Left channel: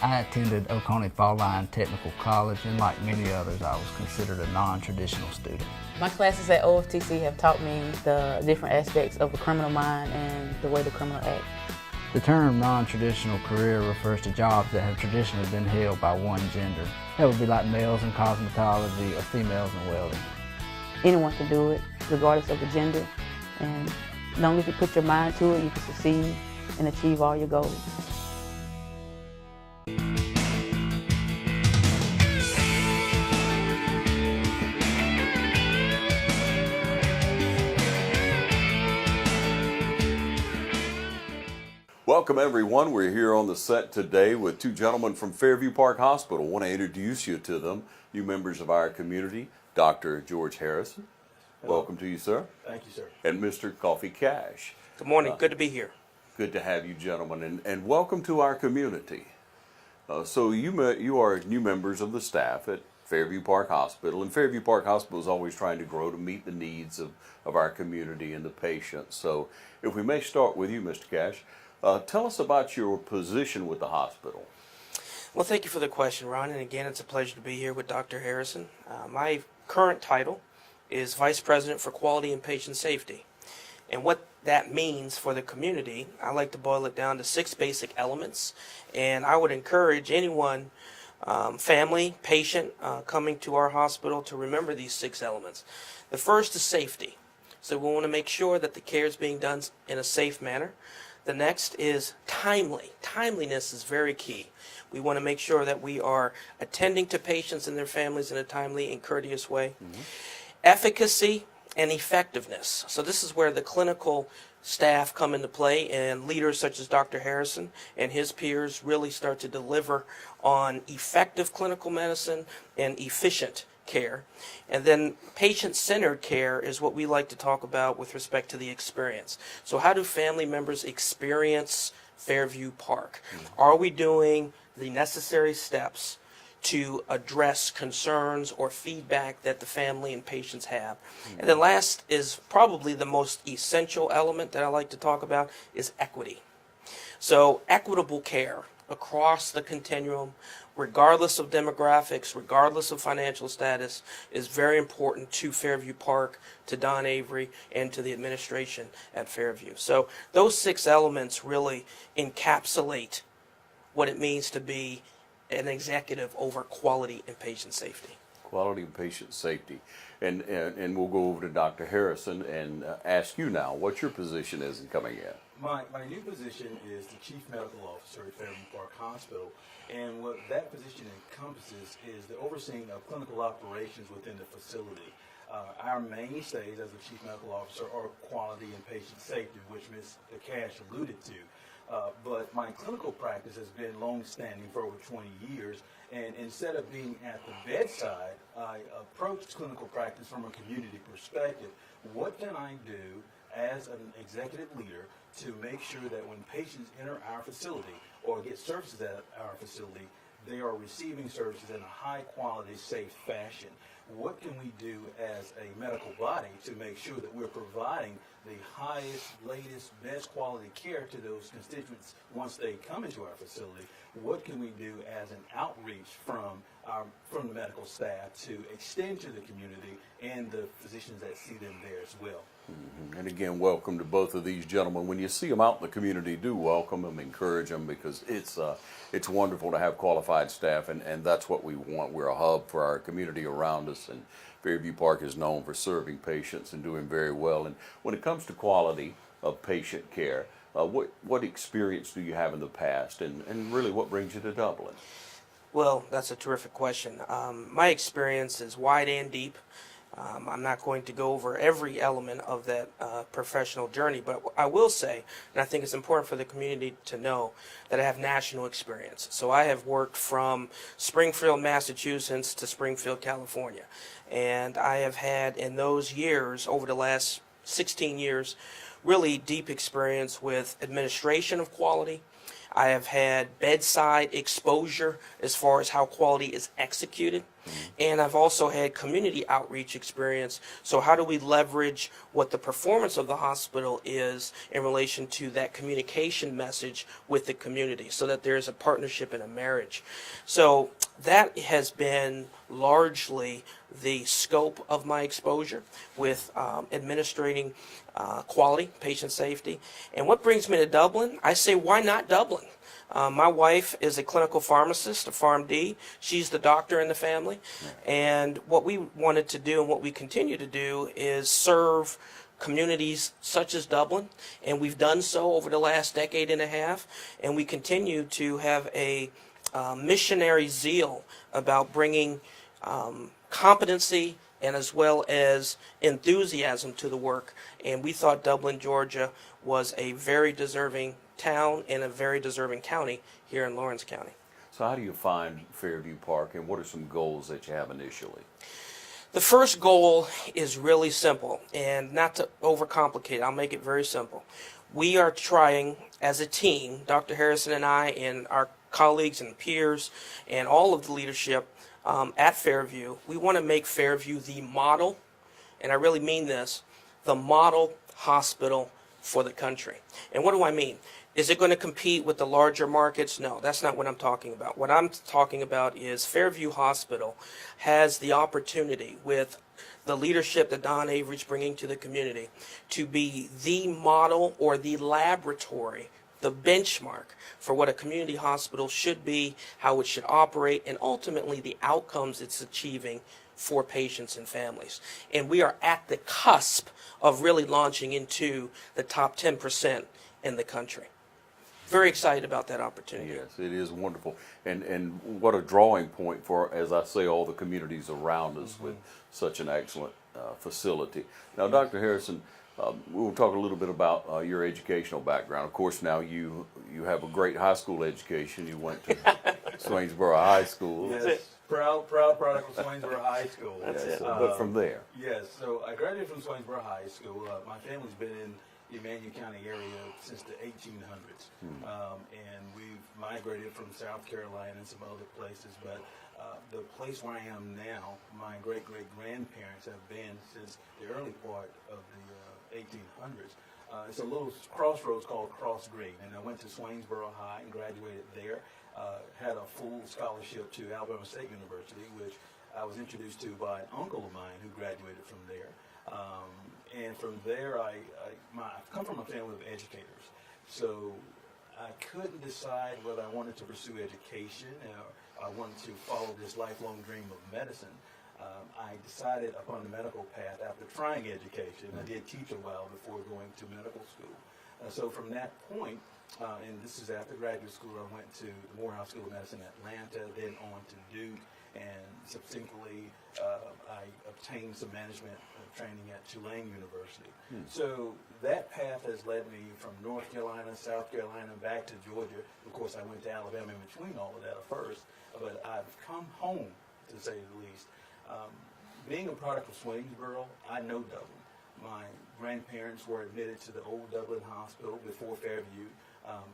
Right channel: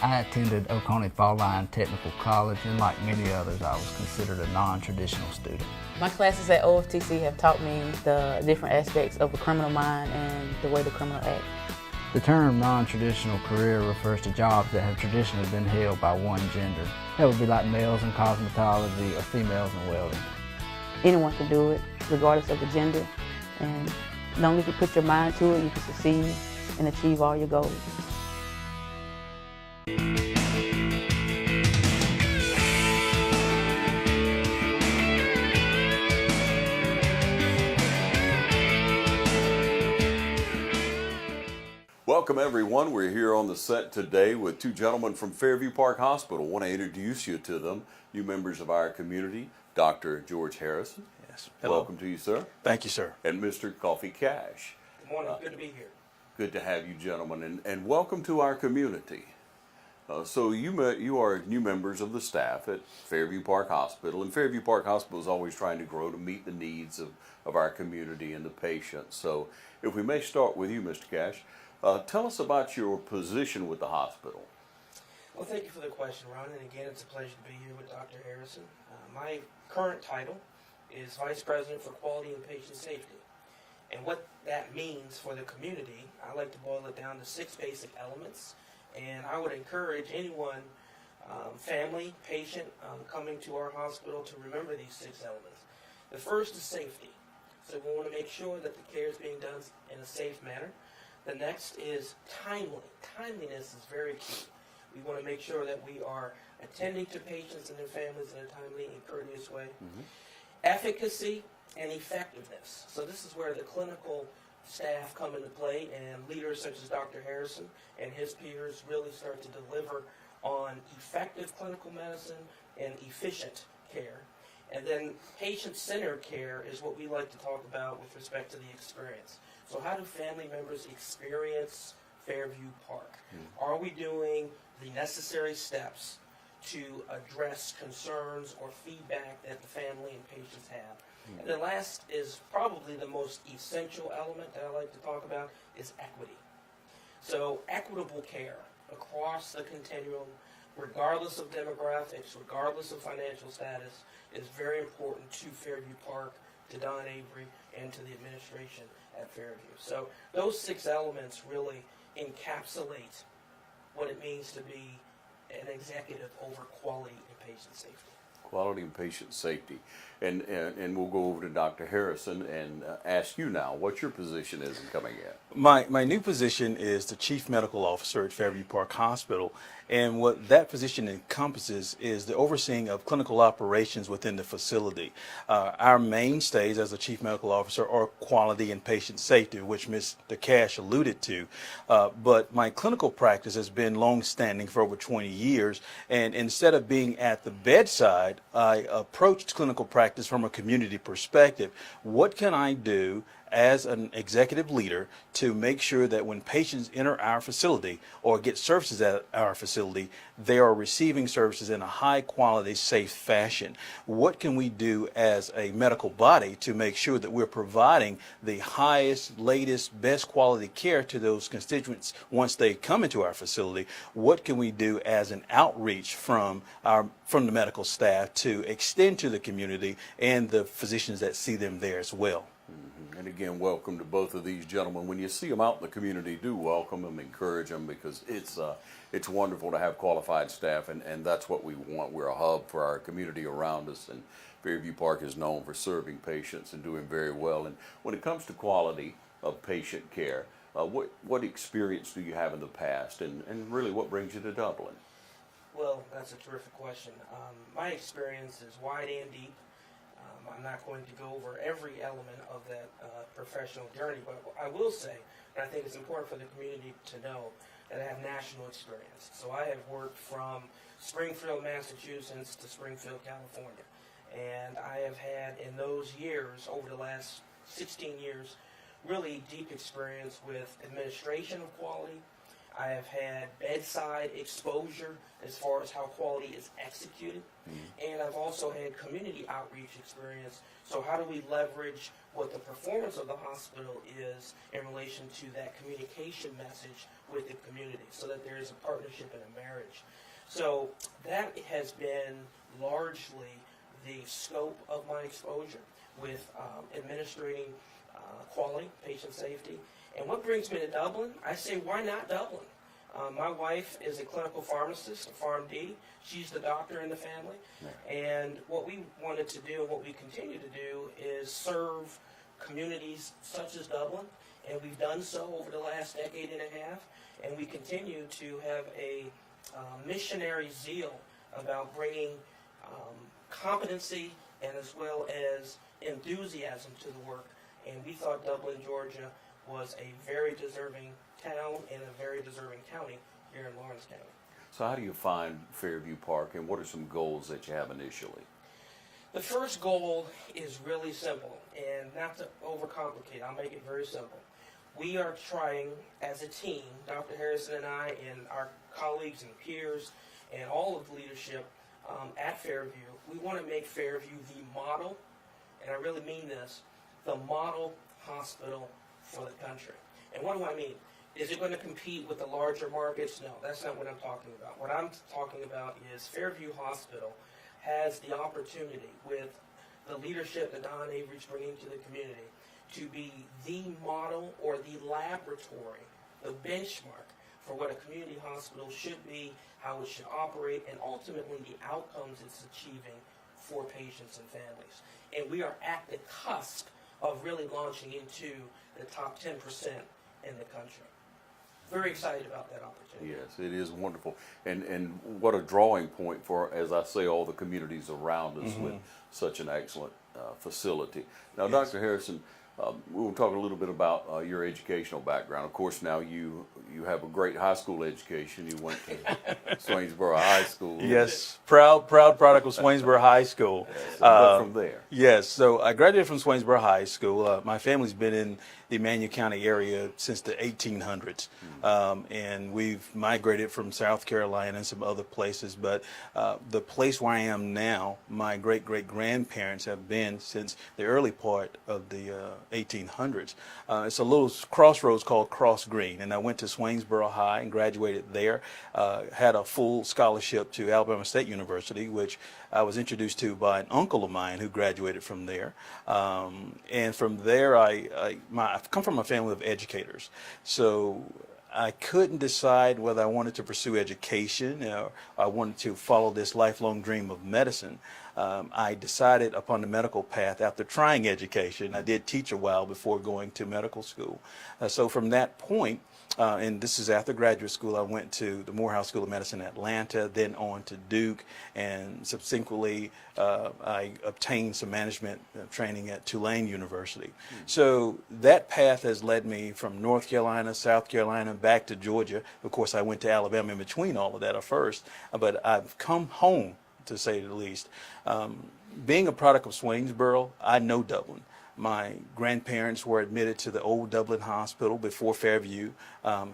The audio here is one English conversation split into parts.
I attended Oconee Fall Line Technical College, and like many others, I was considered a non-traditional student. My classes at OFTC have taught me the different aspects of the criminal mind and the way the criminal acts. The term non-traditional career refers to jobs that have traditionally been held by one gender. That would be like males in cosmetology or females in welding. Anyone can do it, regardless of the gender, and as long as you put your mind to it, you can succeed and achieve all your goals. Welcome everyone. We're here on the set today with two gentlemen from Fairview Park Hospital. I want to introduce you to them, new members of our community, Dr. George Harrison. Yes. Hello. Welcome to you, sir. Thank you, sir. And Mr. Kofi Cash. Good morning. Good to be here. Good to have you gentlemen, and welcome to our community. So you are new members of the staff at Fairview Park Hospital, and Fairview Park Hospital is always trying to grow to meet the needs of our community and the patients. So if we may start with you, Mr. Cash, tell us about your position with the hospital. Well, thank you for the question, Ron. And again, it's a pleasure to be here with Dr. Harrison. My current title is Vice President for Quality and Patient Safety. And what that means for the community, I like to boil it down to 6 basic elements. And I would encourage anyone, family, patient, coming to our hospital to remember these 6 elements. The first is safety. So we want to make sure that the care is being done in a safe manner. The next is timely. Timeliness is very key. We want to make sure that we are attending to patients and their families in a timely and courteous way. Mm-hmm. Efficacy and effectiveness. So this is where the clinical staff come into play, and leaders such as Dr. Harrison and his peers really start to deliver on effective clinical medicine and efficient care. And then patient-centered care is what we like to talk about with respect to the experience. So how do family members experience Fairview Park? Are we doing the necessary steps to address concerns or feedback that the family and patients have? And then last is probably the most essential element that I like to talk about is equity. So equitable care across the continuum, regardless of demographics, regardless of financial status, is very important to Fairview Park, to Don Avery, and to the administration at Fairview. So those 6 elements really encapsulate what it means to be an executive over quality and patient safety. Quality and patient safety. And we'll go over to Dr. Harrison and ask you now what your position is in coming in. My new position is the Chief Medical Officer at Fairview Park Hospital, and what that position encompasses is the overseeing of clinical operations within the facility. Our mainstays as a Chief Medical Officer are quality and patient safety, which Mr. Cash alluded to. But my clinical practice has been long-standing for over 20 years, and instead of being at the bedside, I approached clinical practice from a community perspective. What can I do as an executive leader to make sure that when patients enter our facility or get services at our facility, they are receiving services in a high quality, safe fashion? What can we do as a medical body to make sure that we're providing the highest, latest, best quality care to those constituents once they come into our facility? What can we do as an outreach from the medical staff to extend to the community and the physicians that see them there as well? And again, welcome to both of these gentlemen. When you see them out in the community, do welcome them, encourage them, because it's wonderful to have qualified staff, and that's what we want. We're a hub for our community around us, and Fairview Park is known for serving patients and doing very well. And when it comes to quality of patient care, what experience do you have in the past, and really what brings you to Dublin? Well, that's a terrific question. My experience is wide and deep. I'm not going to go over every element of that professional journey, but I will say, and I think it's important for the community to know, that I have national experience. So I have worked from Springfield, Massachusetts to Springfield, California. And I have had in those years, over the last 16 years, really deep experience with administration of quality, I have had bedside exposure as far as how quality is executed. And I've also had community outreach experience. So how do we leverage what the performance of the hospital is in relation to that communication message with the community so that there's a partnership and a marriage? So that has been largely the scope of my exposure with administrating quality, patient safety. And what brings me to Dublin? I say, why not Dublin? My wife is a clinical pharmacist, a PharmD. She's the doctor in the family. Yeah. And what we wanted to do and what we continue to do is serve communities such as Dublin. And we've done so over the last decade and a half. And we continue to have a missionary zeal about bringing competency and as well as enthusiasm to the work. And we thought Dublin, Georgia was a very deserving town and a very deserving county here in Lawrence County. So how do you find Fairview Park, and what are some goals that you have initially? The first goal is really simple, and not to overcomplicate it, I'll make it very simple. We are trying as a team, Dr. Harrison and I and our colleagues and peers and all of the leadership at Fairview, we want to make Fairview the model, and I really mean this, the model hospital for the country. And what do I mean? Is it going to compete with the larger markets? No, that's not what I'm talking about. What I'm talking about is Fairview Hospital has the opportunity with the leadership that Don Avery's bringing to the community to be the model or the laboratory, the benchmark for what a community hospital should be, how it should operate, and ultimately the outcomes it's achieving for patients and families. And we are at the cusp of really launching into the top 10% in the country. Very excited about that opportunity. Yes, it is wonderful. And what a drawing point for, as I say, all the communities around us with such an excellent facility. Now, yes. Dr. Harrison, we'll talk a little bit about your educational background. Of course, now you have a great high school education. You went to Swainsboro High School. Yes, proud product of Swainsboro High School. Yes, but from there. Yes, so I graduated from Swainsboro High School. My family's been in the Emmanuel County area since the 1800s, and we've migrated from South Carolina and some other places, but the place where I am now, my great-great-grandparents have been since the early part of the 1800s. It's a little crossroads called Cross Green, and I went to Swainsboro High and graduated there, had a full scholarship to Alabama State University, which I was introduced to by an uncle of mine who graduated from there. And from there, I've come from a family of educators. So I couldn't decide whether I wanted to pursue education or I wanted to follow this lifelong dream of medicine. I decided upon the medical path after trying education. I did teach a while before going to medical school. So from that point, and this is after graduate school, I went to the Morehouse School of Medicine in Atlanta, then on to Duke, and subsequently I obtained some management training at Tulane University. So that path has led me from North Carolina, South Carolina, back to Georgia. Of course, I went to Alabama in between all of that at first, but I've come home, to say the least. Being a product of Swainsboro, I know Dublin. My grandparents were admitted to the old Dublin Hospital before Fairview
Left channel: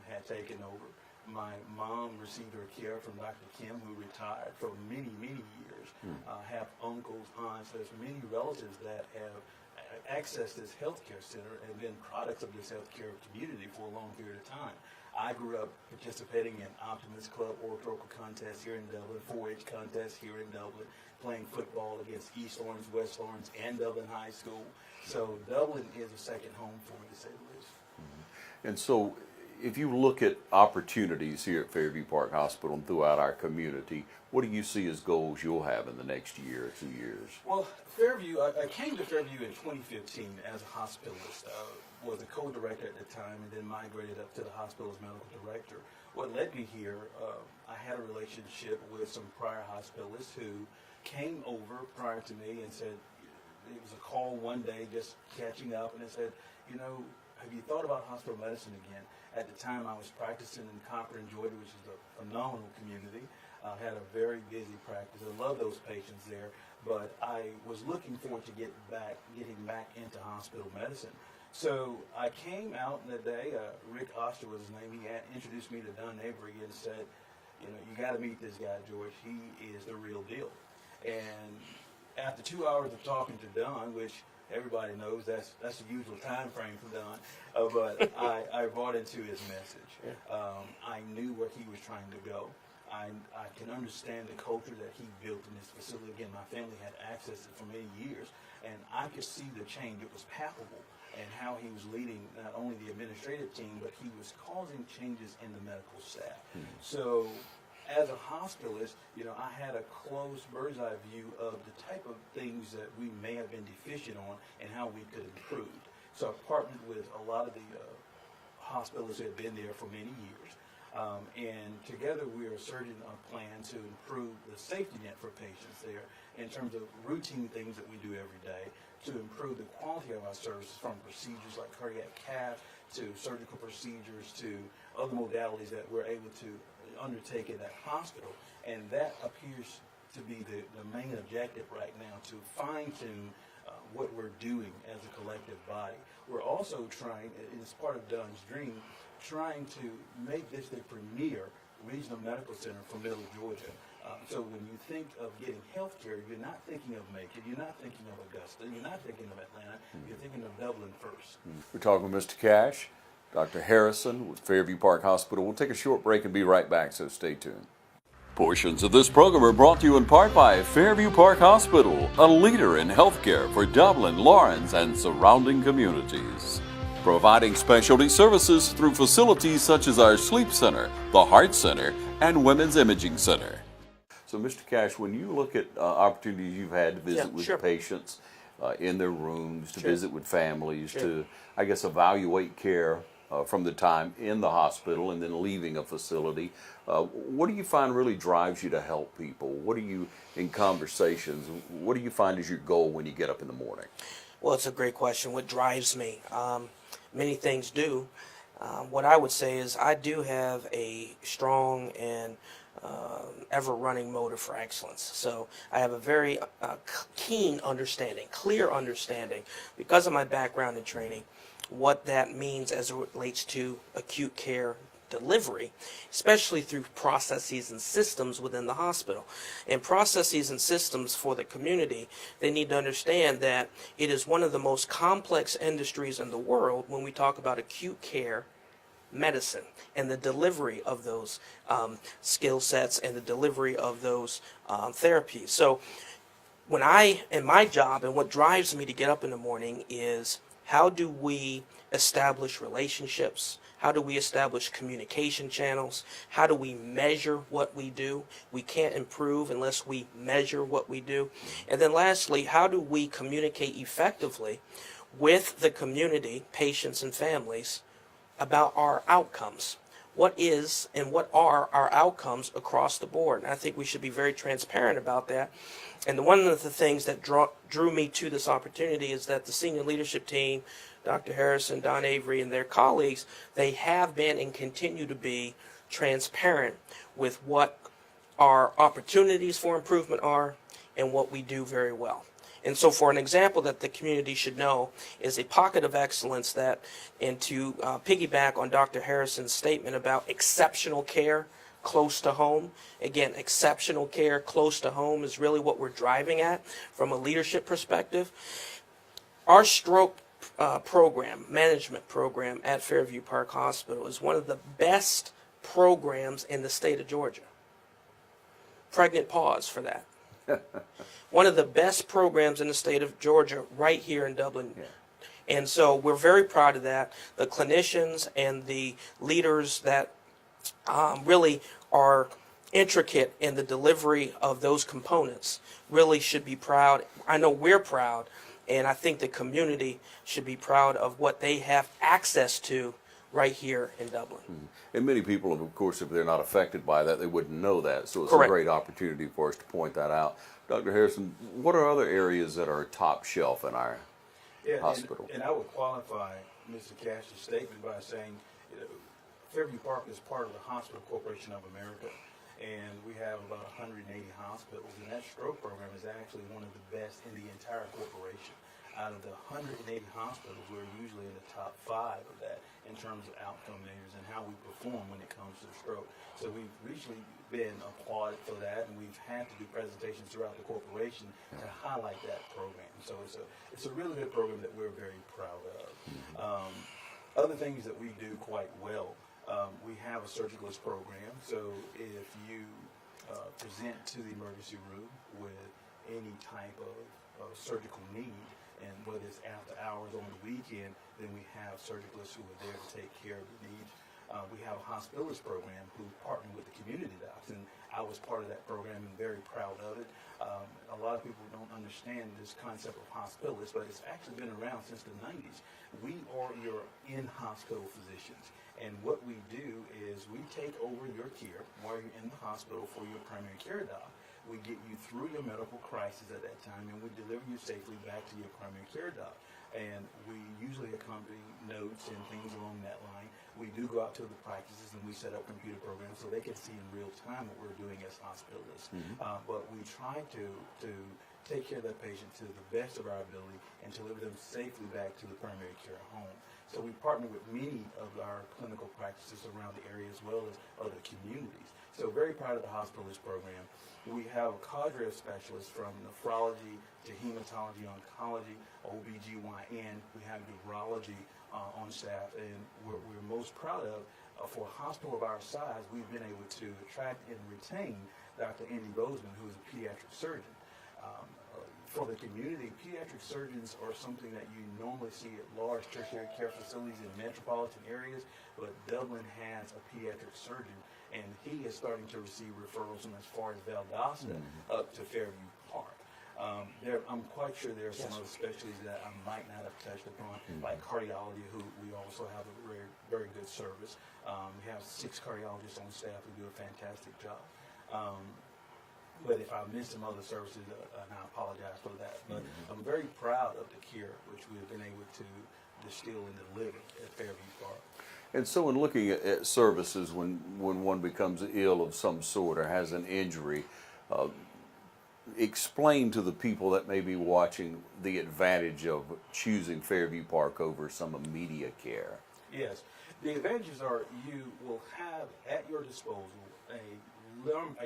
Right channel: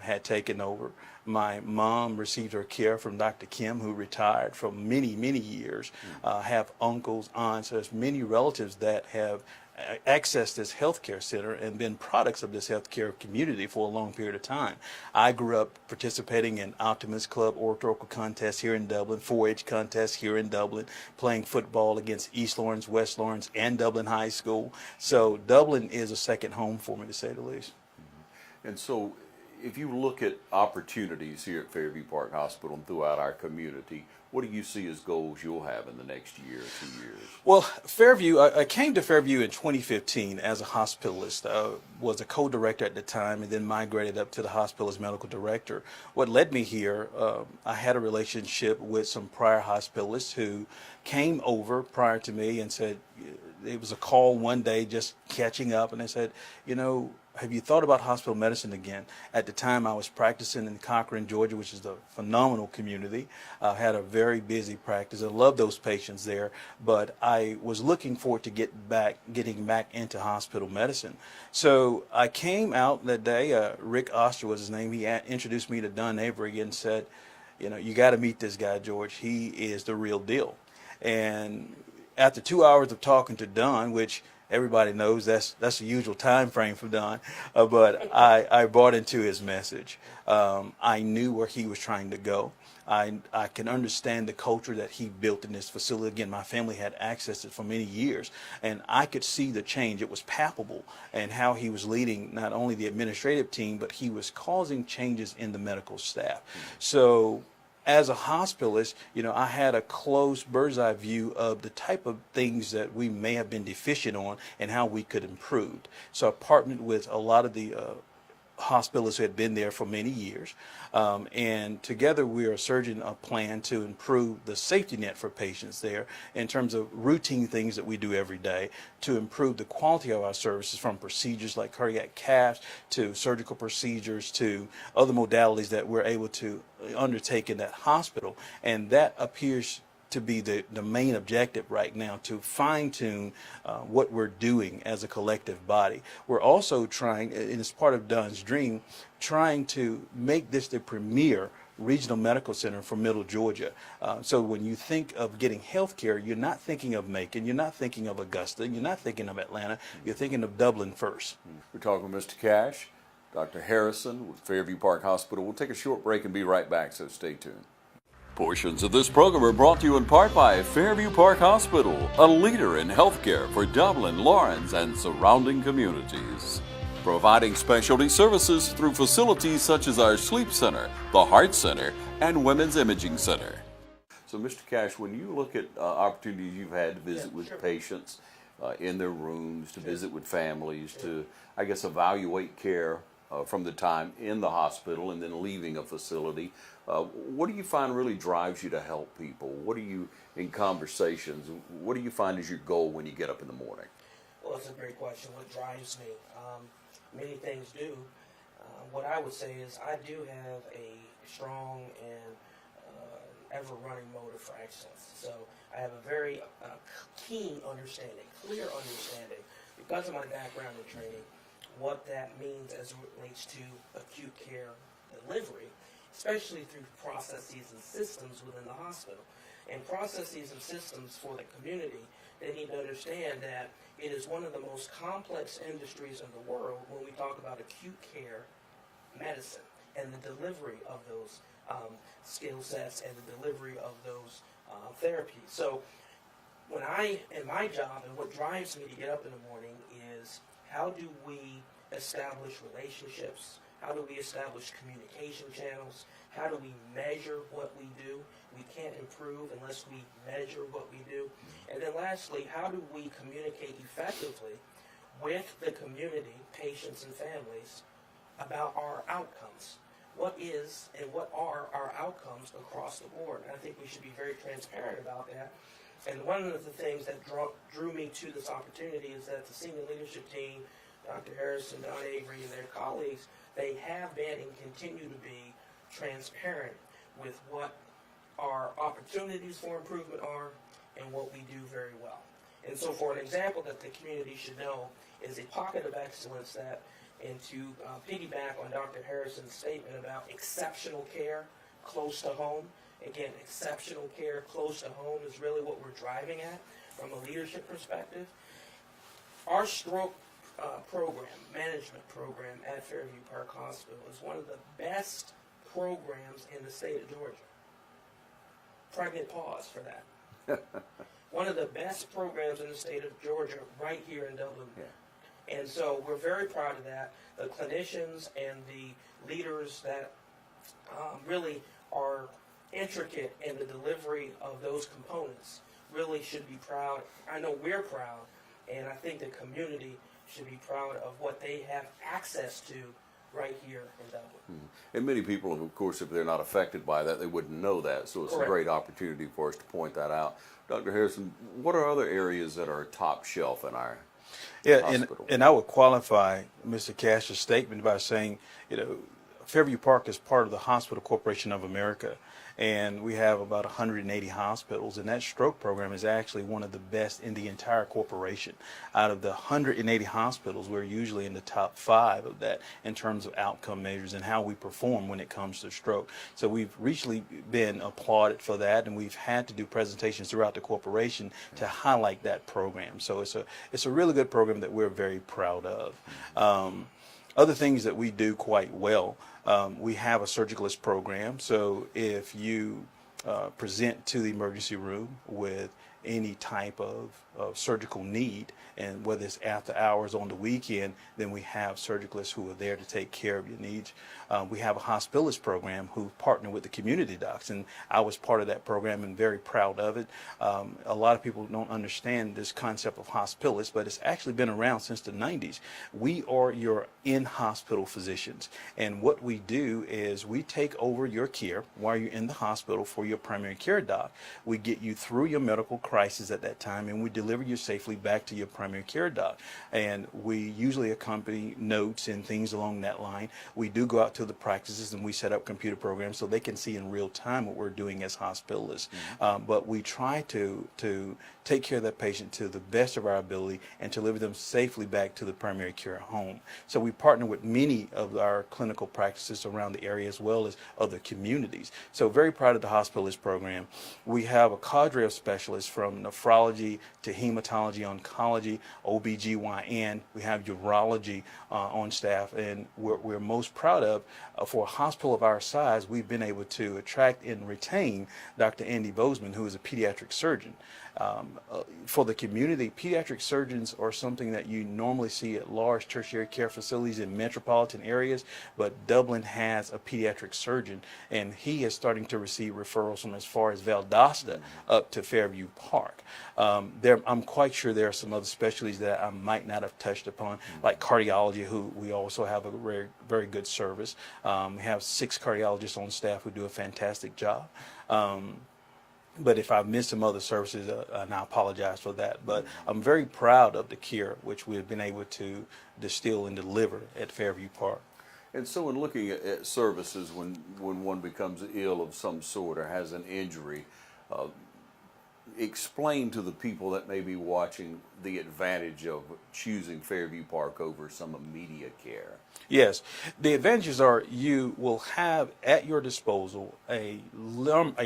had taken over. My mom received her care from Dr. Kim, who retired from many, many years. Have uncles, aunts, there's many relatives that have accessed this healthcare center and been products of this healthcare community for a long period of time. I grew up participating in Optimist Club oratorical contests here in Dublin, 4-H contests here in Dublin, playing football against East Lawrence, West Lawrence, and Dublin High School. So Dublin is a second home for me, to say the least. And so if you look at opportunities here at Fairview Park Hospital and throughout our community, what do you see as goals you'll have in the next year or 2 years? Well, Fairview, I came to Fairview in 2015 as a hospitalist. Was a co-director at the time and then migrated up to the hospital as medical director. What led me here, I had a relationship with some prior hospitalists who came over prior to me and said, it was a call one day just catching up, and they said, you know, have you thought about hospital medicine again? At the time I was practicing in Cochran, Georgia, which is a phenomenal community. I had a very busy practice. I loved those patients there, but I was looking forward to getting back into hospital medicine. So I came out that day, Rick Oster was his name. He introduced me to Don Avery and said, you know, you got to meet this guy, George. He is the real deal. And after 2 hours of talking to Don, which everybody knows that's the usual time frame for Don, but I bought into his message. I knew where he was trying to go. I can understand the culture that he built in this facility. Again, my family had access to it for many years, and I could see the change. It was palpable, and how he was leading not only the administrative team, but he was causing changes in the medical staff. So as a hospitalist, you know, I had a close bird's eye view of the type of things that we may have been deficient on and how we could improve. So I partnered with a lot of the hospitalists who had been there for many years. And together we are surging a plan to improve the safety net for patients there in terms of routine things that we do every day to improve the quality of our services, from procedures like cardiac caths to surgical procedures to other modalities that we're able to undertake in that hospital. And that appears to be the main objective right now, to fine-tune what we're doing as a collective body. We're also trying, and it's part of Don's dream, trying to make this the premier regional medical center for Middle Georgia. So when you think of getting health care, you're not thinking of Macon, you're not thinking of Augusta, you're not thinking of Atlanta, you're thinking of Dublin first. We're talking with Mr. Cash, Dr. Harrison with Fairview Park Hospital. We'll take a short break and be right back, so stay tuned. Portions of this program are brought to you in part by Fairview Park Hospital, a leader in healthcare for Dublin, Lawrence, and surrounding communities. Providing specialty services through facilities such as our Sleep Center, the Heart Center, and Women's Imaging Center. So, Mr. Cash, when you look at opportunities you've had to visit with patients in their rooms, to visit with families, to, I guess, evaluate care from the time in the hospital and then leaving a facility, what do you find really drives you to help people? What do you, in conversations, what do you find is your goal when you get up in the morning? Well, it's a great question. What drives me? Many things do. What I would say is I do have a strong and ever-running motive for excellence. So I have a very keen understanding, clear understanding, because of my background and training, what that means as it relates to acute care delivery, especially through processes and systems within the hospital. And processes and systems for the community, they need to understand that it is one of the most complex industries in the world when we talk about acute care medicine and the delivery of those skill sets and the delivery of those therapies. So when in my job, and what drives me to get up in the morning is, how do we establish relationships? How do we establish communication channels? How do we measure what we do? We can't improve unless we measure what we do. And then lastly, how do we communicate effectively with the community, patients and families, about our outcomes? What is and what are our outcomes across the board? And I think we should be very transparent about that. And one of the things that drew me to this opportunity is that the senior leadership team, Dr. Harrison, Don Avery, and their colleagues, they have been and continue to be transparent with what our opportunities for improvement are and what we do very well. And so for an example that the community should know is a pocket of excellence that, and to piggyback on Dr. Harrison's statement about exceptional care close to home, again, exceptional care close to home is really what we're driving at from a leadership perspective. Our stroke management program at Fairview Park Hospital is one of the best programs in the state of Georgia. Pregnant pause for that. One of the best programs in the state of Georgia right here in Dublin. Yeah. And so we're very proud of that. The clinicians and the leaders that really are intricate in the delivery of those components really should be proud. I know we're proud, and I think the community should be proud of what they have access to right here in Dublin. Mm-hmm. And many people, of course, if they're not affected by that, they wouldn't know that. So it's Correct. A great opportunity for us to point that out. Dr. Harrison, what are other areas that are top shelf in our Yeah, hospital. and I would qualify Mr. Cash's statement by saying, Fairview Park is part of the Hospital Corporation of America, and we have about 180 hospitals, and that stroke program is actually one of the best in the entire corporation. Out of the 180 hospitals, we're usually in the top 5 of that in terms of outcome measures and how we perform when it comes to stroke. So we've recently been applauded for that, and we've had to do presentations throughout the corporation to highlight that program. So it's a really good program that we're very proud of. Other things that we do quite well, we have a surgicalist program. So if you present to the emergency room with any type of surgical need, and whether it's after hours on the weekend, then we have surgicalists who are there to take care of your needs. We have a hospitalist program who partner with the community docs, and I was part of that program and very proud of it. A lot of people don't understand this concept of hospitalist, but it's actually been around since the 90s. We are your in-hospital physicians, and what we do is we take over your care while you're in the hospital for your primary care doc. We get you through your medical crisis at that time, and we deliver you safely back to your primary care doc. And we usually accompany notes and things along that line. We do go out to the practices and we set up computer programs so they can see in real time what we're doing as hospitalists. But we try to take care of that patient to the best of our ability and to deliver them safely back to the primary care home. So we partner with many of our clinical practices around the area as well as other communities. So very proud of the hospitalist program. We have a cadre of specialists from nephrology to hematology, oncology, OBGYN. We have urology on staff, and we're most proud of, for a hospital of our size, we've been able to attract and retain Dr. Andy Bozeman, who is a pediatric surgeon. For the community, pediatric surgeons are something that you normally see at large tertiary care facilities in metropolitan areas, but Dublin has a pediatric surgeon, and he is starting to receive referrals from as far as Valdosta up to Fairview Park. I'm quite sure there are some other specialties that I might not have touched upon, like cardiology, who we also have a very, very good service. We have 6 cardiologists on staff who do a fantastic job. But if I've missed some other services, and I apologize for that. But I'm very proud of the care which we've been able to distill and deliver at Fairview Park. And so in looking at services, when one becomes ill of some sort or has an injury, explain to the people that may be watching the advantage of choosing Fairview Park over some immediate care. Yes, the advantages are you will have at your disposal a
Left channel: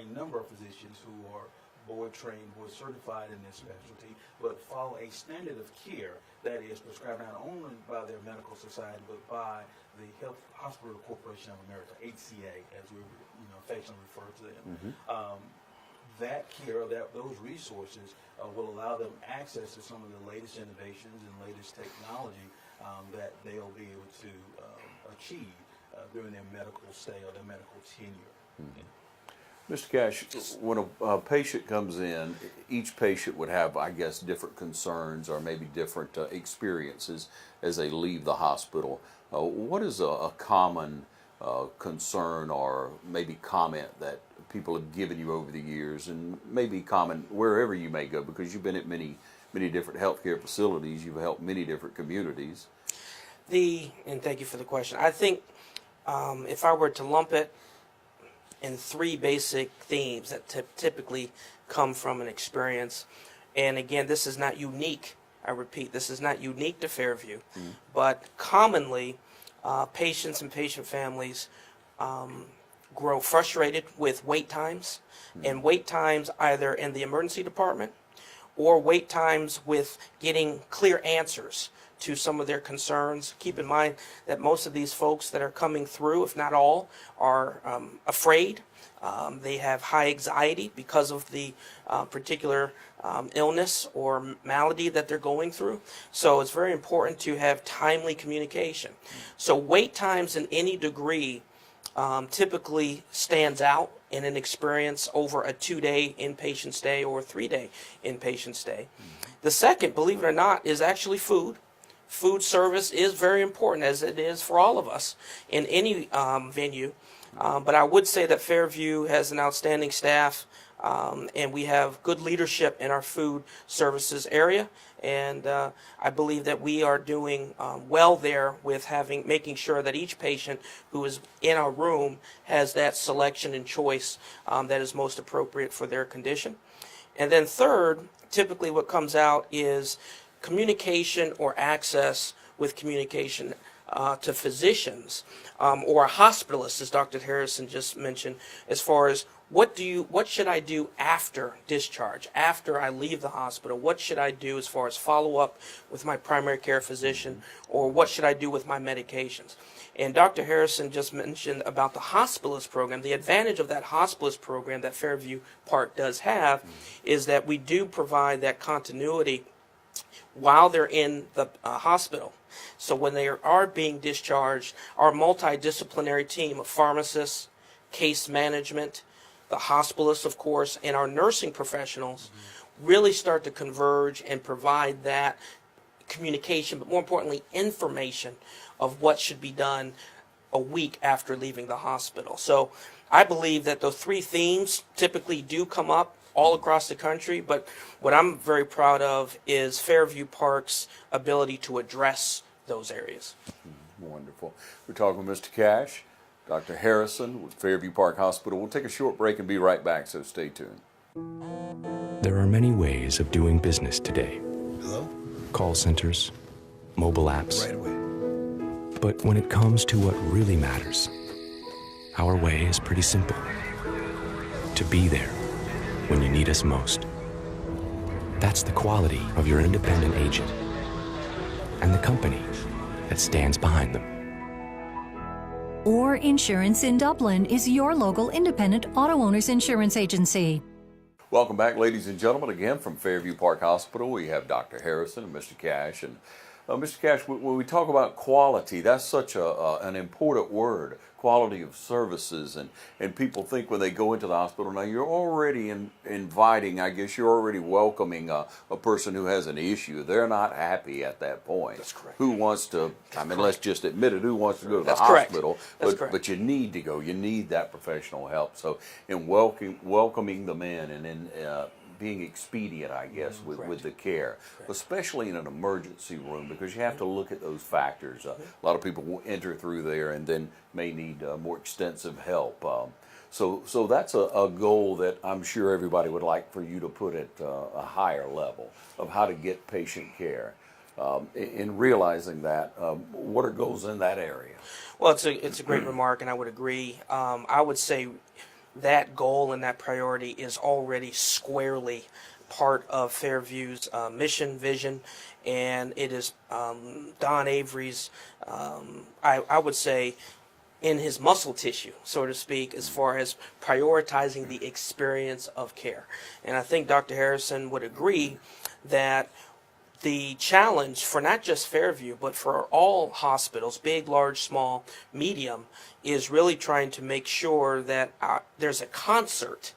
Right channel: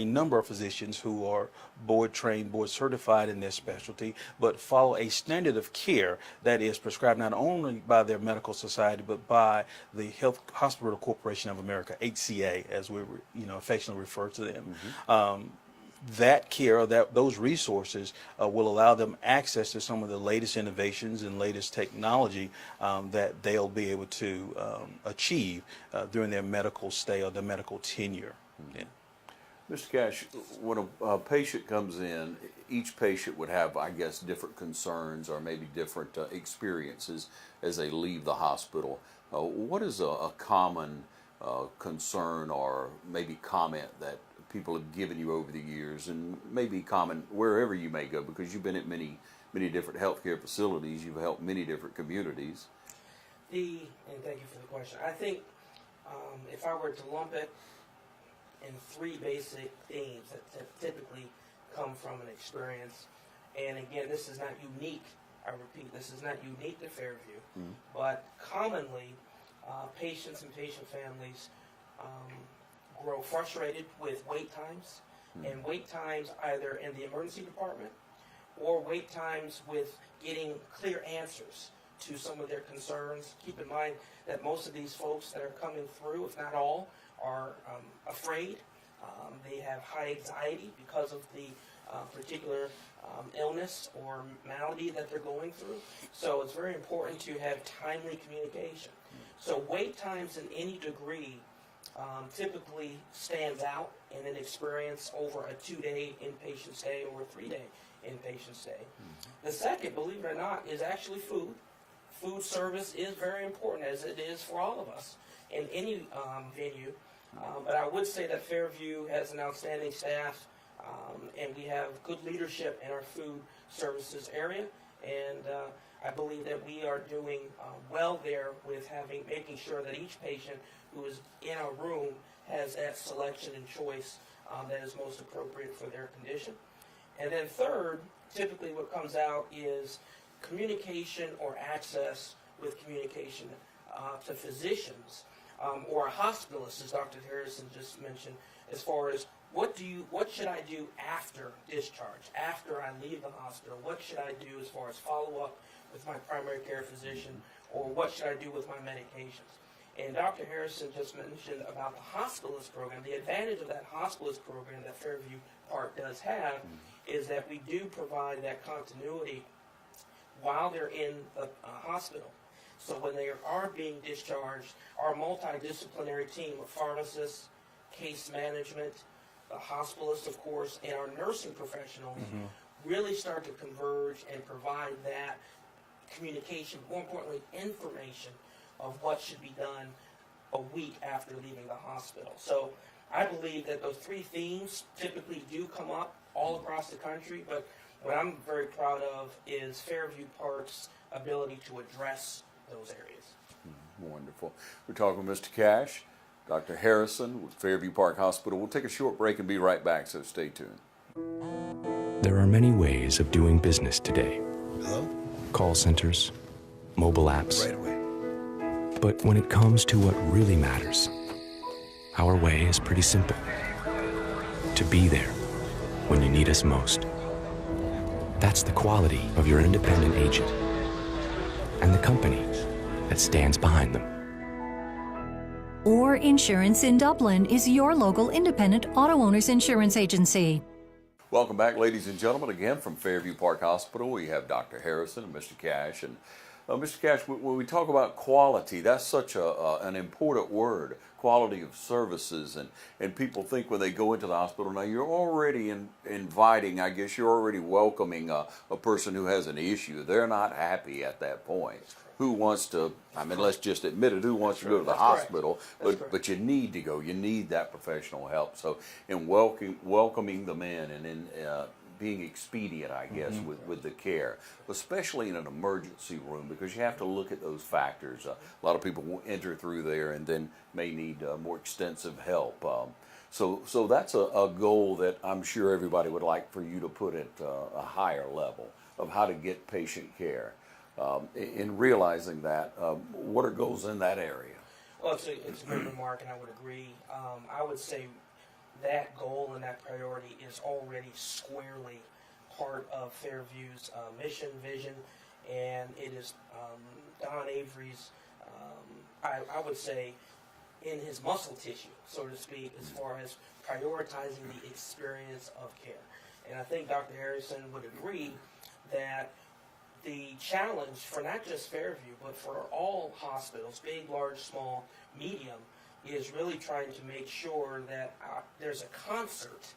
number of physicians who are board trained, board certified in their specialty, but follow a standard of care that is prescribed not only by their medical society, but by the Hospital Corporation of America, HCA, as we affectionately refer to them. That care, those resources will allow them access to some of the latest innovations and latest technology that they'll be able to achieve during their medical stay or their medical tenure. Yeah. Mr. Cash, when a patient comes in, each patient would have, I guess, different concerns or maybe different experiences as they leave the hospital. What is a common concern or maybe comment that people have given you over the years, and maybe common wherever you may go, because you've been at many different healthcare facilities, you've helped many different communities? And thank you for the question. I think if I were to lump it in 3 basic themes that typically come from an experience, and again, this is not unique, I repeat, this is not unique to Fairview, but commonly patients and patient families grow frustrated with wait times, and wait times either in the emergency department or wait times with getting clear answers to some of their concerns. Keep in mind that most of these folks that are coming through, if not all, are afraid. They have high anxiety because of the particular illness or malady that they're going through. So it's very important to have timely communication. So wait times in any degree typically stands out in an experience over a 2-day inpatient stay or a 3-day inpatient stay. The second, believe it or not, is actually food. Food service is very important, as it is for all of us in any venue. But I would say that Fairview has an outstanding staff And we have good leadership in our food services area. And I believe that we are doing well there with making sure that each patient who is in our room has that selection and choice that is most appropriate for their condition. And then third, typically what comes out is communication or access with communication to physicians or a hospitalist, as Dr. Harrison just mentioned, as far as what should I do after discharge, after I leave the hospital? What should I do as far as follow up with my primary care physician, or what should I do with my medications? And Dr. Harrison just mentioned about the hospitalist program. The advantage of that hospitalist program that Fairview Park does have is that we do provide that continuity while they're in the hospital. So when they are being discharged, our multidisciplinary team of pharmacists, case management, the hospitalists, of course, and our nursing professionals really start to converge and provide that communication, but more importantly, information of what should be done a week after leaving the hospital. So I believe that those three themes typically do come up all across the country, but what I'm very proud of is Fairview Park's ability to address those areas. Wonderful. We're talking with Mr. Cash, Dr. Harrison with Fairview Park Hospital. We'll take a short break and be right back, so stay tuned. There are many ways of doing business today. Hello? Call centers, mobile apps. Right away. But when it comes to what really matters, our way is pretty simple. To be there when you need us most. That's the quality of your independent agent and the company that stands behind them. Or Insurance in Dublin is your local independent auto owners insurance agency. Welcome back, ladies and gentlemen, again from Fairview Park Hospital. We have Dr. Harrison and Mr. Cash. And Mr. Cash, when we talk about quality, that's such an important word, quality of services. And people think when they go into the hospital, now you're already inviting, I guess you're already welcoming a person who has an issue. They're not happy at that point. That's correct. Who wants to, I mean, let's just admit it, who wants to go to the That's correct. hospital? That's correct. But you need to go. You need that professional help. So in welcoming them in and in being expedient, I guess, with the care, especially in an emergency room, because you have to look at those factors. A lot of people will enter through there and then may need more extensive help. So that's a goal that I'm sure everybody would like for you to put at a higher level of how to get patient care. In realizing that, what are goals in that area? Well, it's a great remark, and I would agree. I would say that goal and that priority is already squarely part of Fairview's mission, vision, and it is Don Avery's, I would say, in his muscle tissue, so to speak, as far as prioritizing the experience of care. And I think Dr. Harrison would agree that the challenge for not just Fairview, but for all hospitals, big, large, small, medium, is really trying to make sure that there's a concert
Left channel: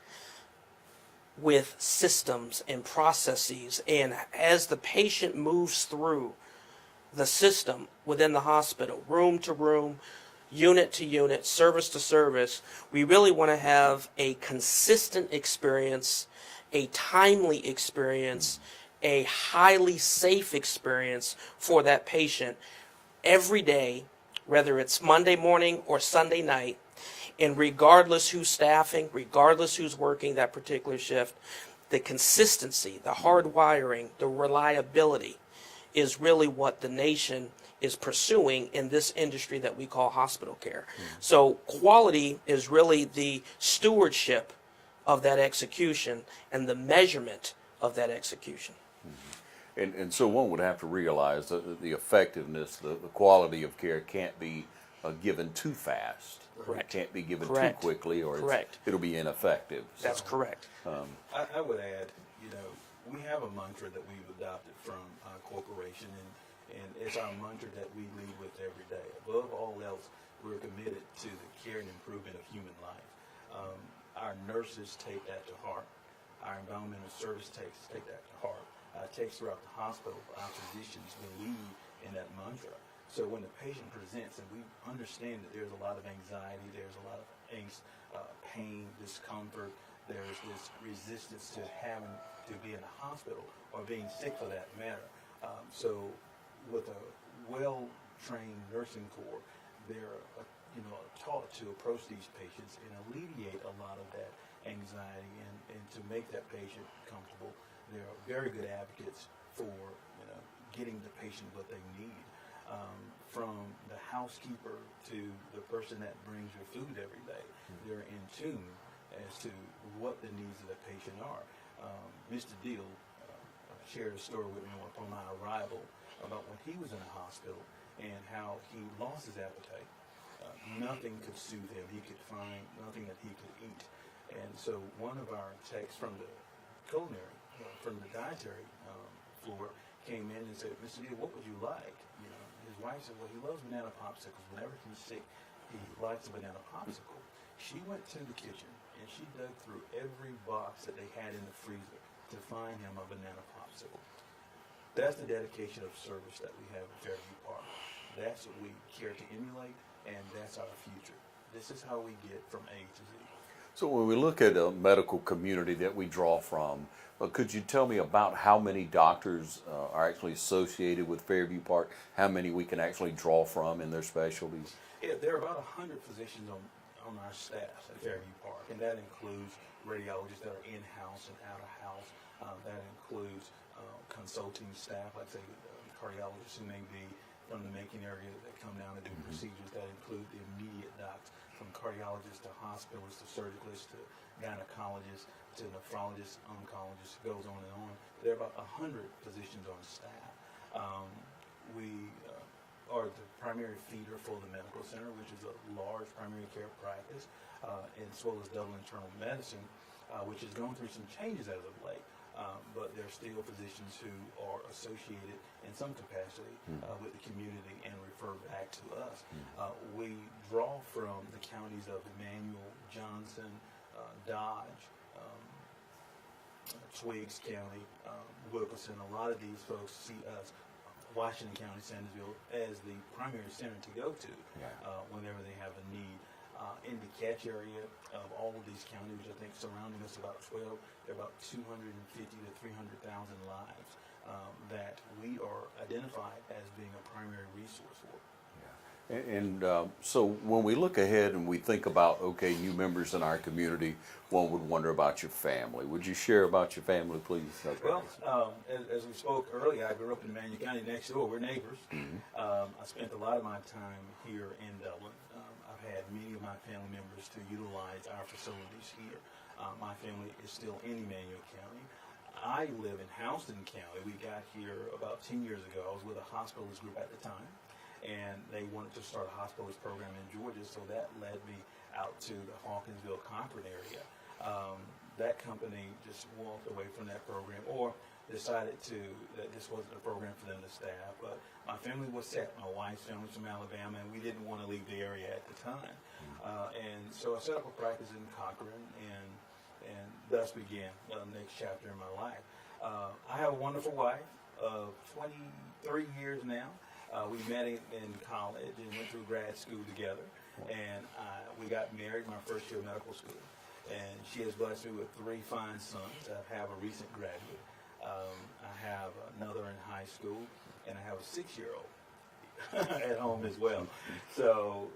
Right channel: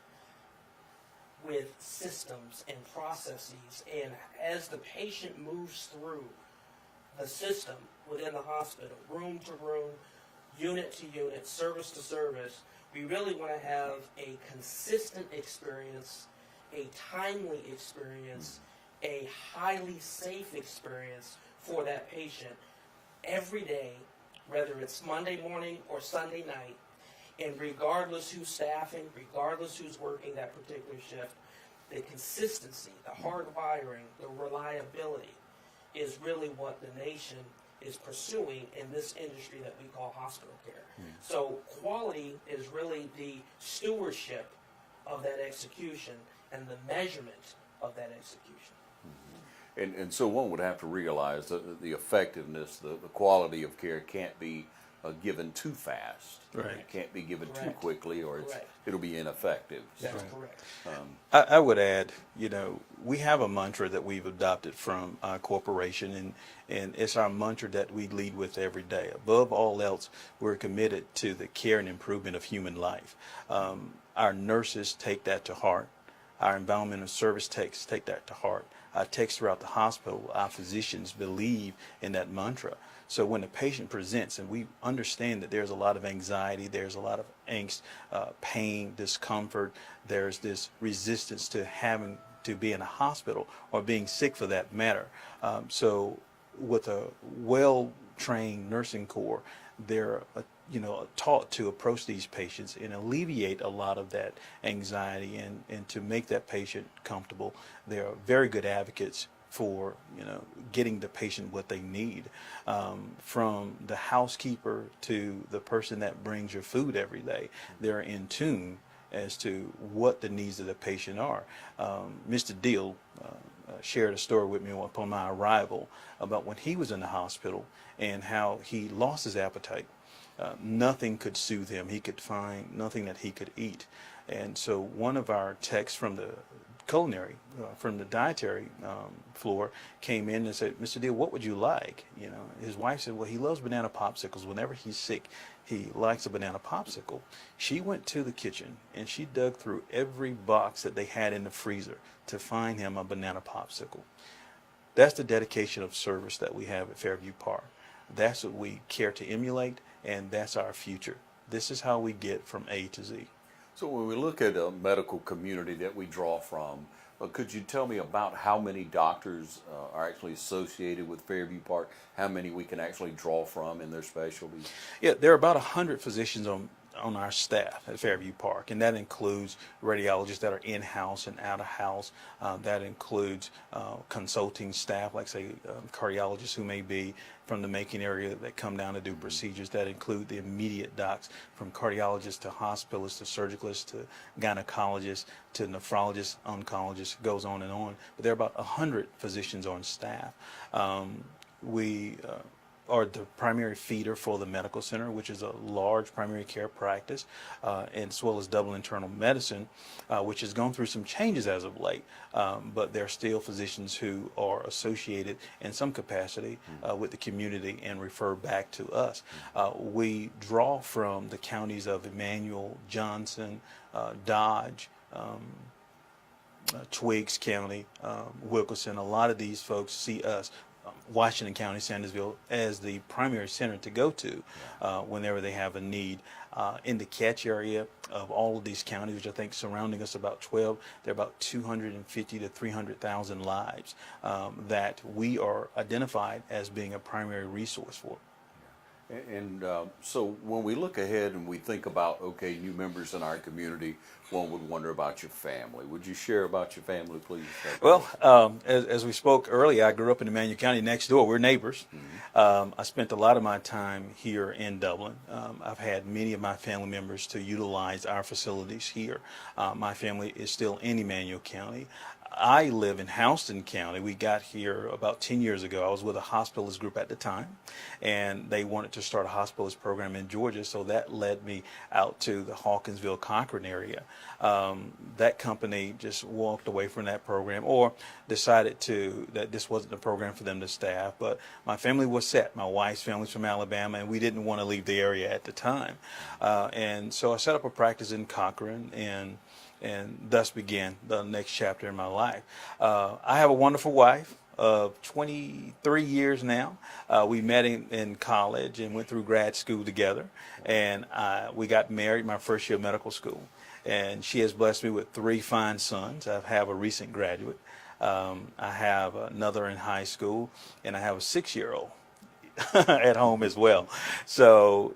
with systems and processes. And as the patient moves through the system within the hospital, room to room, unit to unit, service to service, we really want to have a consistent experience, a timely experience, a highly safe experience for that patient every day, whether it's Monday morning or Sunday night, and regardless who's staffing, regardless who's working that particular shift, the consistency, the hard wiring, the reliability is really what the nation is pursuing in this industry that we call hospital care. So quality is really the stewardship of that execution and the measurement of that execution. And so one would have to realize that the effectiveness, the quality of care can't be given too fast. Correct. It can't be given Correct. too quickly, or Correct. it'll be ineffective. That's So, correct. I would add, we have a mantra that we've adopted from our corporation, and it's our mantra that we lead with every day. Above all else, we're committed to the care and improvement of human life. Our nurses take that to heart. Our environmental service techs take that to heart. Our techs throughout the hospital, our physicians believe in that mantra. So when the patient presents, and we understand that there's a lot of anxiety, there's a lot of angst, pain, discomfort, there's this resistance to having to be in a hospital or being sick for that matter. So with a well-trained nursing corps, they're taught to approach these patients and alleviate a lot of that anxiety and to make that patient comfortable. They're very good advocates for getting the patient what they need, from the housekeeper to the person that brings your food every day. They're in tune as to what the needs of the patient are. Mr. Deal shared a story with me upon my arrival about when he was in the hospital and how he lost his appetite. Nothing could soothe him. He could find nothing that he could eat. And so one of our techs from the culinary, from the dietary floor, came in and said, "Mr. Deal, what would you like?" His wife said, "Well, he loves banana popsicles. Whenever he's sick, he likes a banana popsicle." She went to the kitchen and she dug through every box that they had in the freezer to find him a banana popsicle. That's the dedication of service that we have at Fairview Park. That's what we care to emulate, and that's our future. This is how we get from A to Z. So when we look at a medical community that we draw from, could you tell me about how many doctors are actually associated with Fairview Park? How many we can actually draw from in their specialties? Yeah, there are about 100 physicians on our staff at Fairview Park, and that includes radiologists that are in-house and out-of-house. That includes consulting staff, like say cardiologists who may be from the Macon area that come down to do procedures. That include the immediate docs, from cardiologists to hospitalists to surgicalists to gynecologists to nephrologists, oncologists, goes on and on. But there are about 100 physicians on staff. We are the primary feeder for the medical center, which is a large primary care practice, and as well as double internal medicine, which has gone through some changes as of late. But there are still physicians who are associated in some capacity with the community and refer back to us. We draw from the counties of Emmanuel, Johnson, Dodge, Twiggs County, Wilkerson. A lot of these folks see us, Washington County, Sandersville, as the primary center to go to whenever they have a need. In the catch area of all of these counties, which I think surrounding us about 12, there are about 250 to 300,000 lives that we are identified as being a primary resource for. And so when we look ahead and we think about, okay, new members in our community, one would wonder about your family. Would you share about your family, please? Well, as we spoke earlier, I grew up in Emmanuel County next door. We're neighbors. I spent a lot of my time here in Dublin. I've had many of my family members to utilize our facilities here. My family is still in Emmanuel County. I live in Houston County. We got here about 10 years ago. I was with a hospitalist group at the time, and they wanted to start a hospitalist program in Georgia, so that led me out to the Hawkinsville, Cochran area. That company just walked away from that program or decided that this wasn't a program for them to staff, but my family was set. My wife's family's from Alabama, and we didn't want to leave the area at the time. And so I set up a practice in Cochran, and thus began the next chapter in my life. I have a wonderful wife of 23 years now. We met in college and went through grad school together, and we got married my first year of medical school. And she has blessed me with 3 fine sons. I have a recent graduate. I have another in high school, and I have a 6-year-old at home as well. So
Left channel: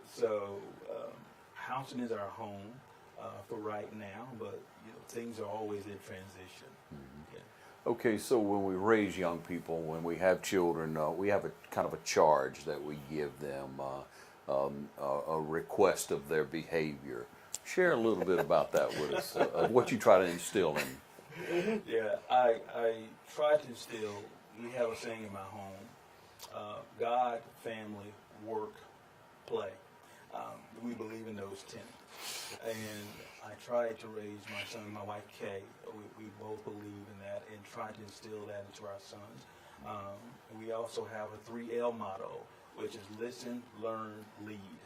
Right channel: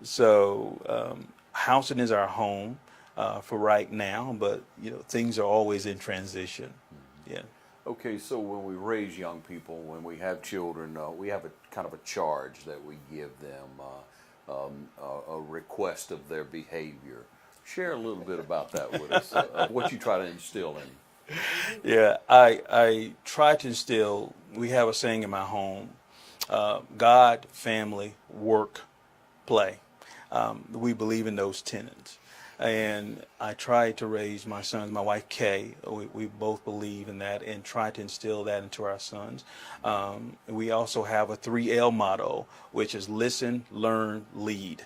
Houston is our home for right now, but things are always in transition. Yeah. Okay, so when we raise young people, when we have children, we have a kind of a charge that we give them, a request of their behavior. Share a little bit about that with us, of what you try to instill in. Yeah, I try to instill, we have a saying in my home, God, family, work, play. We believe in those tenets. And I try to raise my sons, my wife Kay, we both believe in that and try to instill that into our sons. We also have a 3L motto, which is listen, learn, lead.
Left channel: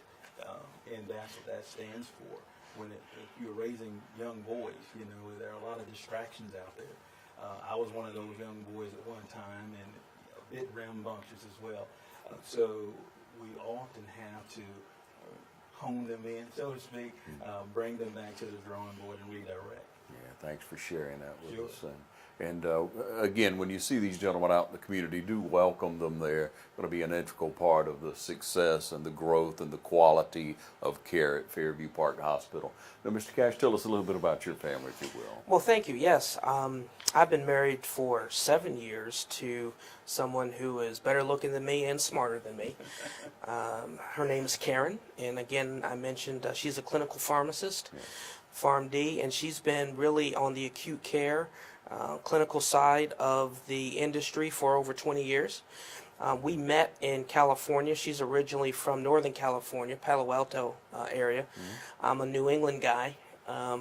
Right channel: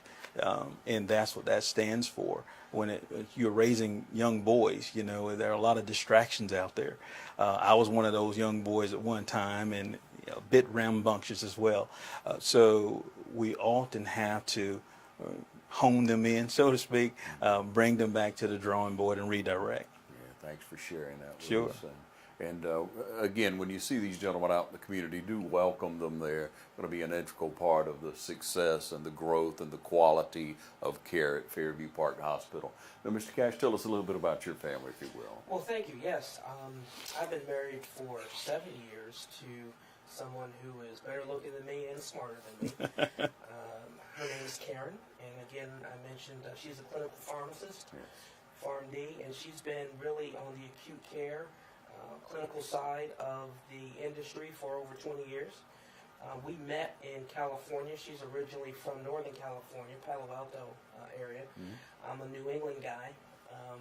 And that's what that stands for. When you're raising young boys, there are a lot of distractions out there. I was one of those young boys at one time, and a bit rambunctious as well. So we often have to hone them in, so to speak, bring them back to the drawing board and redirect. Yeah, thanks for sharing that with Sure. us. And again, when you see these gentlemen out in the community, do welcome them there. Going to be an integral part of the success and the growth and the quality of care at Fairview Park Hospital. Now, Mr. Cash, tell us a little bit about your family, if you will. Well, thank you. Yes, I've been married for 7 years to someone who is better looking than me and smarter than me. Her name is Karen, and again, I mentioned she's a clinical pharmacist, PharmD, and she's been really on the acute care clinical side of the industry for over 20 years. We met in California. She's originally from Northern California, Palo Alto area. I'm a New England guy,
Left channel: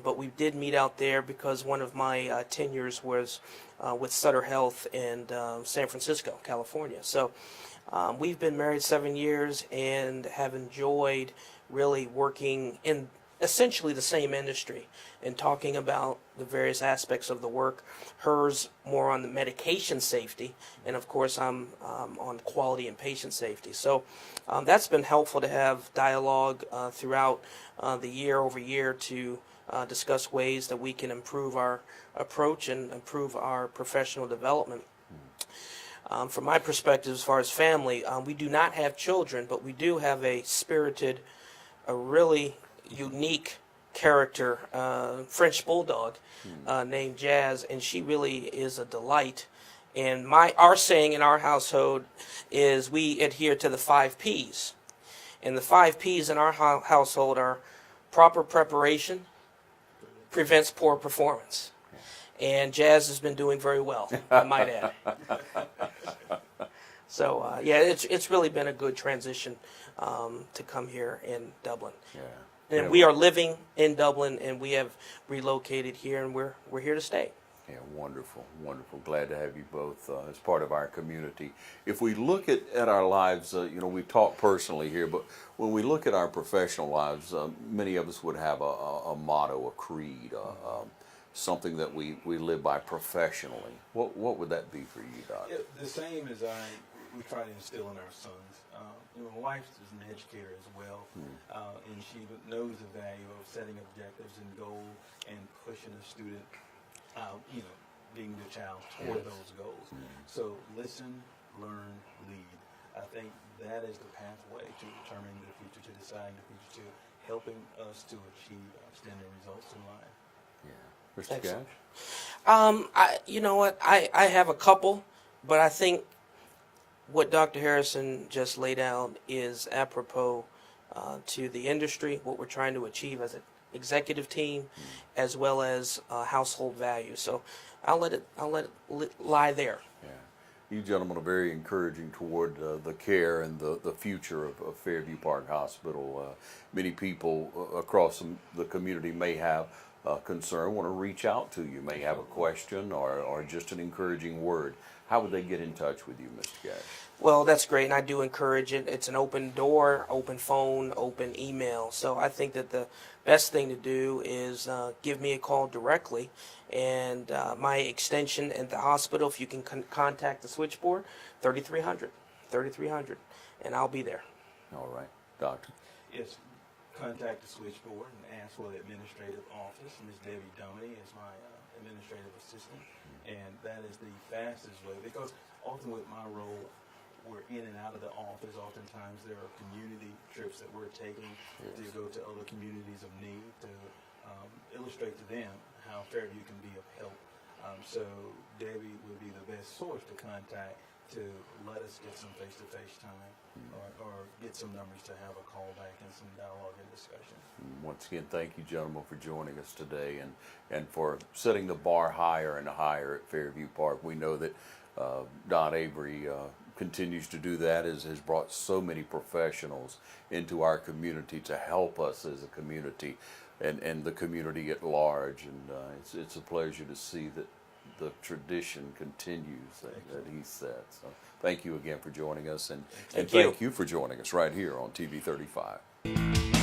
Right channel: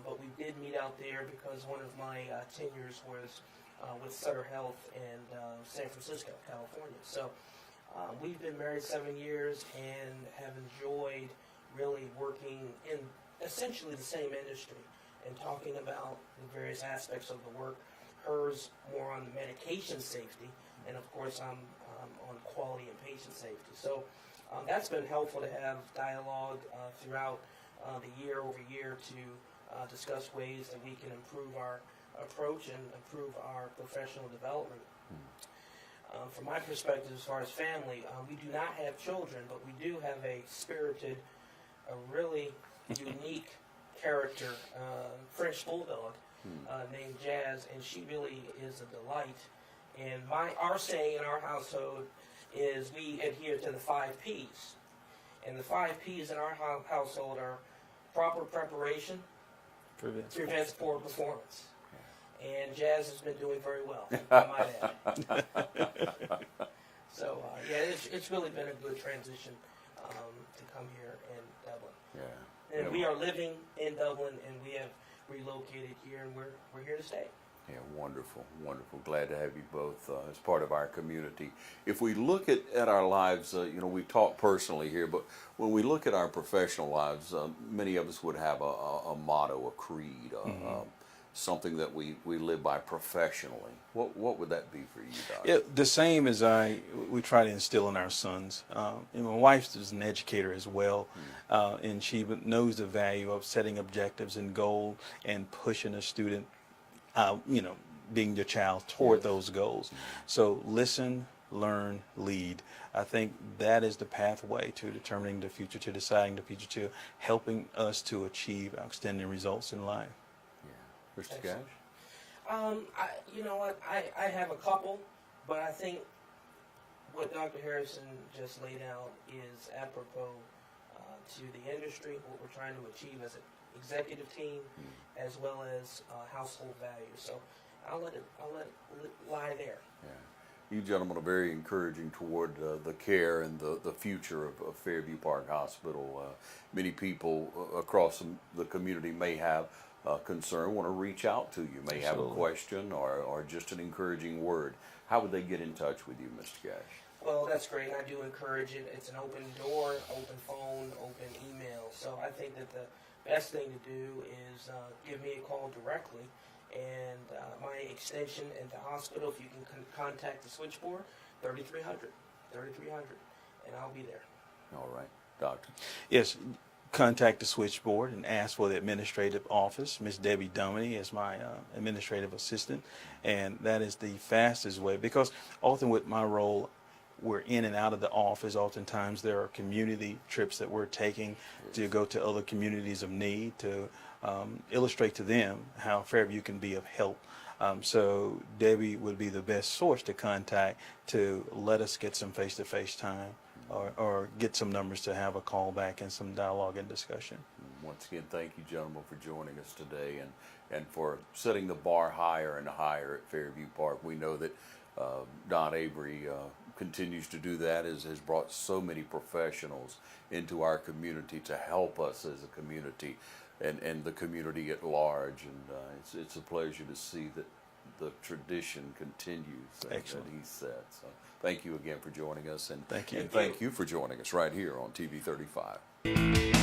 but we did meet out there because one of my tenures was with Sutter Health in San Francisco, California. So we've been married 7 years and have enjoyed really working in essentially the same industry and talking about the various aspects of the work. Hers more on the medication safety, and of course I'm on quality and patient safety. So that's been helpful to have dialogue throughout the year over year to discuss ways that we can improve our approach and improve our professional development. From my perspective, as far as family, we do not have children, but we do have a spirited, a really unique character, French bulldog, named Jazz, and she really is a delight. And our saying in our household is we adhere to the 5 P's. And the 5 P's in our household are proper preparation prevents poor performance. And Jazz has been doing very well, I might add. So, yeah, it's really been a good transition to come here in Dublin. Yeah. And we are living in Dublin, and we have relocated here, and we're here to stay. Yeah, wonderful, wonderful. Glad to have you both as part of our community. If we look at our lives, we talk personally here, but when we look at our professional lives, many of us would have a motto, a creed, something that we live by professionally. What would that be for you, Doc? Yeah, the same as we try to instill in our sons. And my wife is an educator as well, and she knows the value of setting objectives and goals and pushing a student, being your child toward those goals. So listen, learn, lead. I think that is the pathway to determining the future, to deciding the future, to helping us to achieve outstanding results in life. Yeah. Mr. Excellent. Cash? You know what? I have a couple, but I think what Dr. Harrison just laid out is apropos to the industry, what we're trying to achieve as an executive team, as well as household value. So I'll let it lie there. Yeah. You gentlemen are very encouraging toward the care and the future of Fairview Park Hospital. Many people across the community may have concern, want to reach out to you, may have a question or just an encouraging word. How would they get in touch with you, Mr. Cash? Well, that's great, and I do encourage it. It's an open door, open phone, open email. So I think that the best thing to do is give me a call directly, and my extension at the hospital, if you can contact the switchboard, 3300, and I'll be there. All right. Doctor? Yes, contact the switchboard and ask for the administrative office. Ms. Debbie Duminy is my administrative assistant, and that is the fastest way, because often with my role, we're in and out of the office. Oftentimes there are community trips that we're taking to go to other communities of need to illustrate to them how Fairview can be of help. So Debbie would be the best source to contact to let us get some face-to-face time or get some numbers to have a call back and some dialogue and discussion. Once again, thank you, gentlemen, for joining us today and for setting the bar higher and higher at Fairview Park. We know that Don Avery continues to do that, has brought so many professionals into our community to help us as a community and the community at large. And it's a pleasure to see that the tradition continues that he set. So thank you again for joining us, and Thank you. Thank you for joining us right here on TV 35.